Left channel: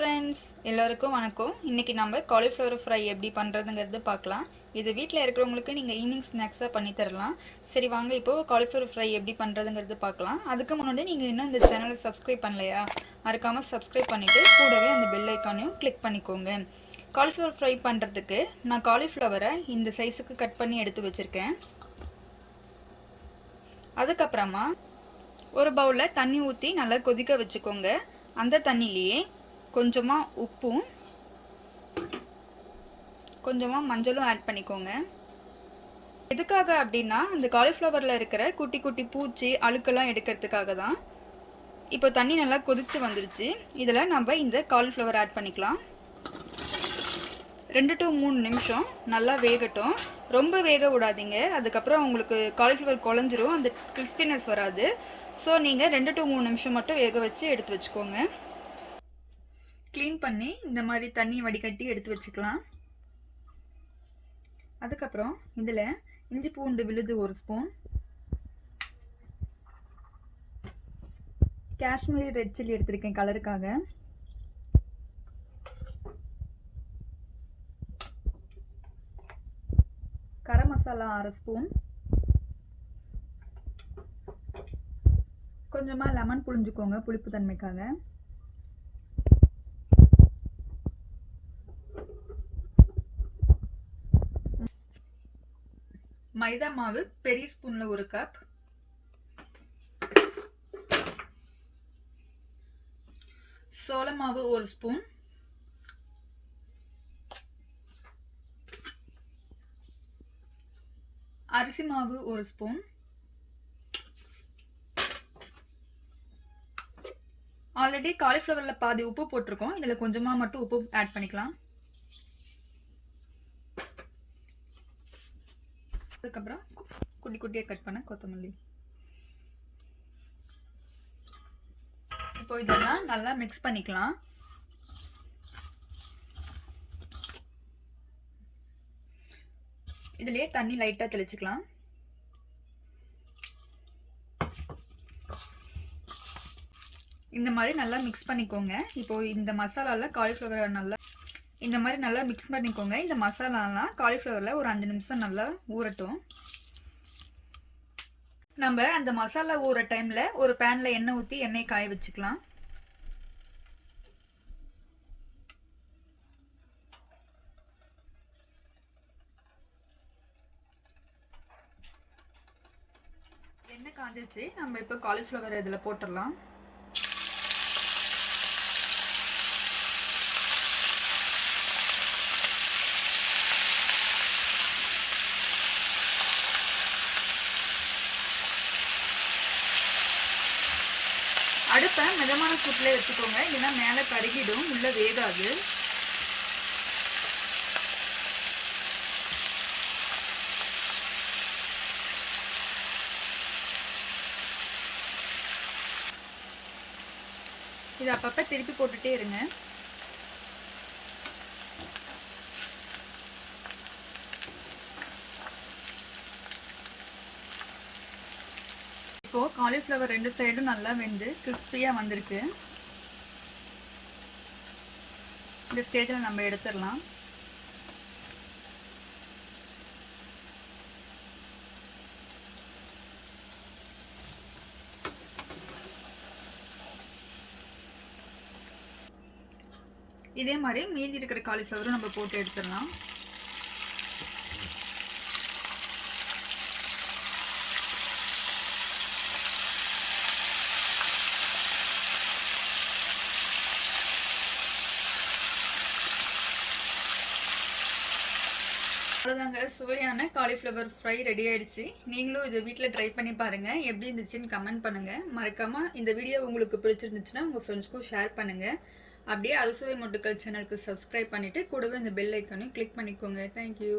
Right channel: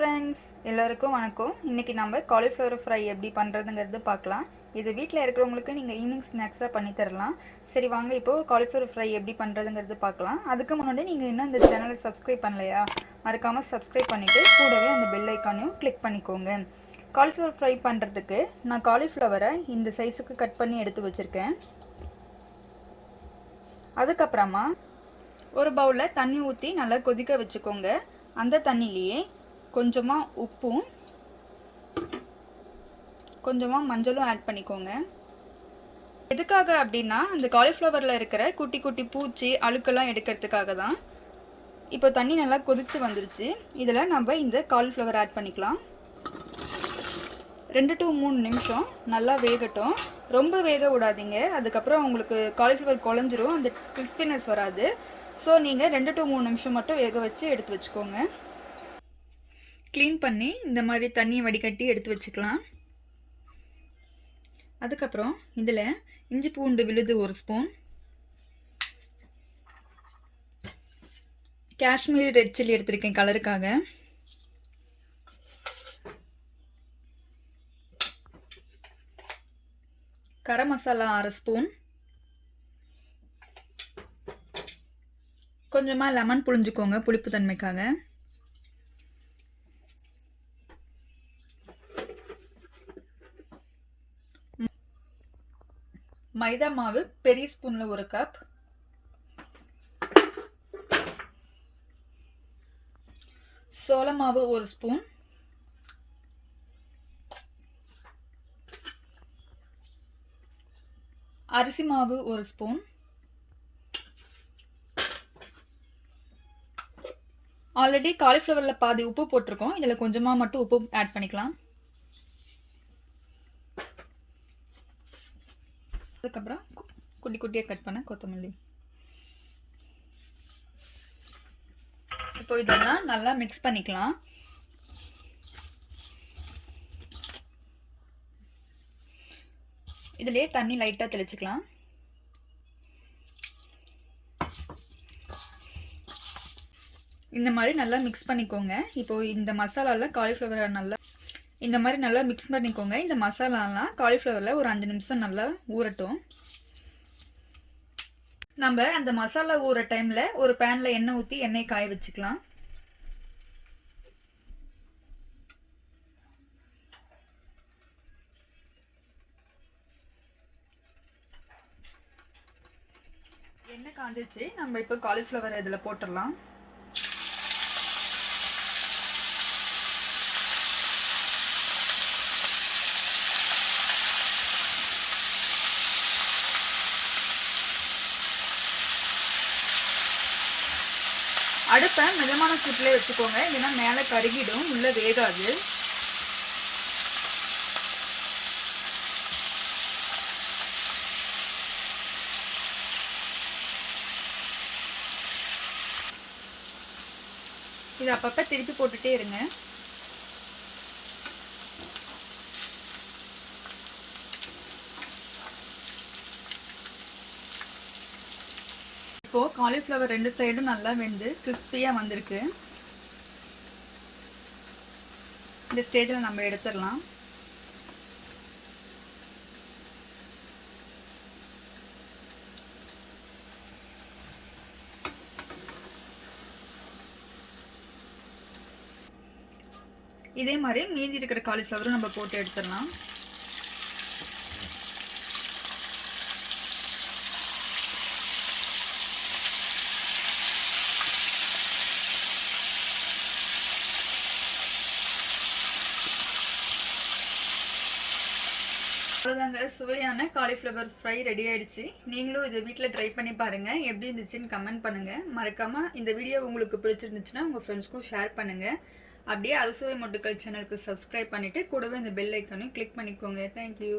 Friends, எல்லாருக்கும் வணக்கம். இன்றைக்கி நம்ம காலிஃப்ளவர் ஃப்ரை எப்படி பண்ணுறதுங்கிறது பார்க்கலாம். இது வீட்டில் இருக்கிறவங்களுக்கு நீங்கள் ஈவினிங் ஸ்நாக்ஸாக பண்ணி தரலாம். சரி வாங்க, இப்போது காலிஃப்ளவர் ஃப்ரை எப்படி பண்ணுறதுங்கிறது பார்க்கலாம். அதுக்கு முன்னாடி நீங்கள் இன்னும் இந்த சேனலை சப்ஸ்கிரைப் பண்ணலையா, மறக்காமல் சப்ஸ்கிரைப் பண்ணிவிட்டு கூடவே அந்த பெல் ஐக்கானையும் கிளிக் பண்ணிக்கோங்க. காலிஃப்ளவர் ஃப்ரை பண்ணுறதுக்கு நான் காலிஃப்ளவரை இந்த சைஸுக்கு கட் பண்ணி எடுத்து வச்சுருக்கேன். அதுக்கப்புறமா ஒரு பவுலில் தண்ணி ஊற்றி நல்லா கொதிக்க வச்சுக்கோங்க. அந்த தண்ணியிலேயே கொஞ்சமாக உப்பும் கொஞ்சமாக மஞ்சளும் ஆட் பண்ணிக்கோங்க. எதுக்காக அப்படின்னா, அந்த காலிஃப்ளவரில் இருக்கிற குட்டி குட்டி பூச்சி அழுக்கெல்லாம் எடுக்கிறதுக்காக தான். இப்போ தண்ணி நல்லா கொதிச்சு வந்துருச்சு. இதில் நம்ம இந்த காலிஃப்ளவர் ஆட் பண்ணிக்கலாம். 2 to 3 நிமிஷம் நல்லா வேகட்டும். ரொம்ப வேக விடாதீங்க, அதுக்கப்புறம் உங்களுக்கு காலிஃப்ளவர் குழஞ்சிரும், அந்த கிறிஸ்பினஸ் வராது. ஸோ நீங்கள் 2 to 3 நிமிஷம் மட்டும் வேக வச்சு எடுத்து வச்சுக்கோங்க. க்ளீன் பண்ணி இந்த மாதிரி தண்ணியை வடிகட்டி எடுத்து வச்சுக்கலாம். அதுக்கப்புறம் இதில் இஞ்சி பூண்டு விழுது 1 ஸ்பூன், காஷ்மீரி ரெட் சில்லி எடுத்திருக்கேன் கலருக்காக, கரம் மசாலா 1/2 ஸ்பூன், கொஞ்சமாக லெமன் புழிஞ்சுக்கோங்க புளிப்பு தன்மைக்காக, மைதா மாவு பெரிய ஸ்பூனில் 1 கப், சோள மாவு 1 ஸ்பூன், அரிசி மாவு 1 ஸ்பூன், ஆல்ரெடி காலிஃப்ளவரில் பாதி உப்பு போட்டிருக்கோம், இதில் கொஞ்சமாக மட்டும் உப்பு ஆட் பண்ணிக்கலாம். அதுக்கப்புறம் குட்டி குட்டியாக கட் பண்ண கொத்தமல்லி. இப்போ இதெல்லாம் நல்லா மிக்ஸ் பண்ணிக்கலாம். இதுலேயே தண்ணி லைட்டாக தெளிச்சுக்கலாம். இந்த மாதிரி நல்லா மிக்ஸ் பண்ணிக்கோங்க. இப்போது இந்த மசாலாவில் காலிஃப்ளவரை நல்லா இந்த மாதிரி நல்லா மிக்ஸ் பண்ணிக்கோங்க. இந்த மசாலாலாம் காலிஃப்ளவரில் ஒரு 5 நிமிஷம் நல்லா ஊறட்டும். நம்ம அந்த மசாலா ஊற டைமில் ஒரு பேனில் எண்ணெய் ஊற்றி எண்ணெய் காய வச்சுக்கலாம். எண்ணெய் காஞ்சிச்சு. நம்ம இப்போ காலிஃப்ளவர் இதில் போட்டுடலாம். அடுப்பை மிதமான சூட்டில் வச்சுக்கோங்க, இல்லைன்னா மேலே கருகிடும், உள்ளே வேகாது. இது அப்பப்போ திருப்பி போட்டுட்டே இருங்க. இப்போது காலிஃப்ளவர் 2 சைடும் நல்லா வெந்து கிறிஸ்பியாக வந்திருக்கு. இந்த ஸ்டேஜில் நம்ம எடுத்துடலாம். இதே மாதிரி மீதி இருக்கிற காலிஃப்ளவரும் நம்ம போட்டு எடுத்துடலாம். அவ்வளோதாங்க, சுவையான காலிஃப்ளவர் ஃப்ரை ரெடி ஆயிடுச்சு. நீங்களும் இதை வீட்டில் ட்ரை பண்ணி பாருங்கள். எப்படி இருந்துச்சுன்னு கமெண்ட் பண்ணுங்கள். மறக்காமல் இந்த வீடியோ உங்களுக்கு பிடிச்சிருந்துச்சுன்னா உங்கள் ஃப்ரெண்ட்ஸ்க்கும் ஷேர் பண்ணுங்கள். அப்படியே அறுசுவை மொட்டுக்கள் சேனலுக்கு சப்ஸ்கிரைப் பண்ணிவிட்டு கூடவே இந்த பெல் ஐக்கானையும் கிளிக் பண்ணிக்கோங்க. தேங்க்யூ.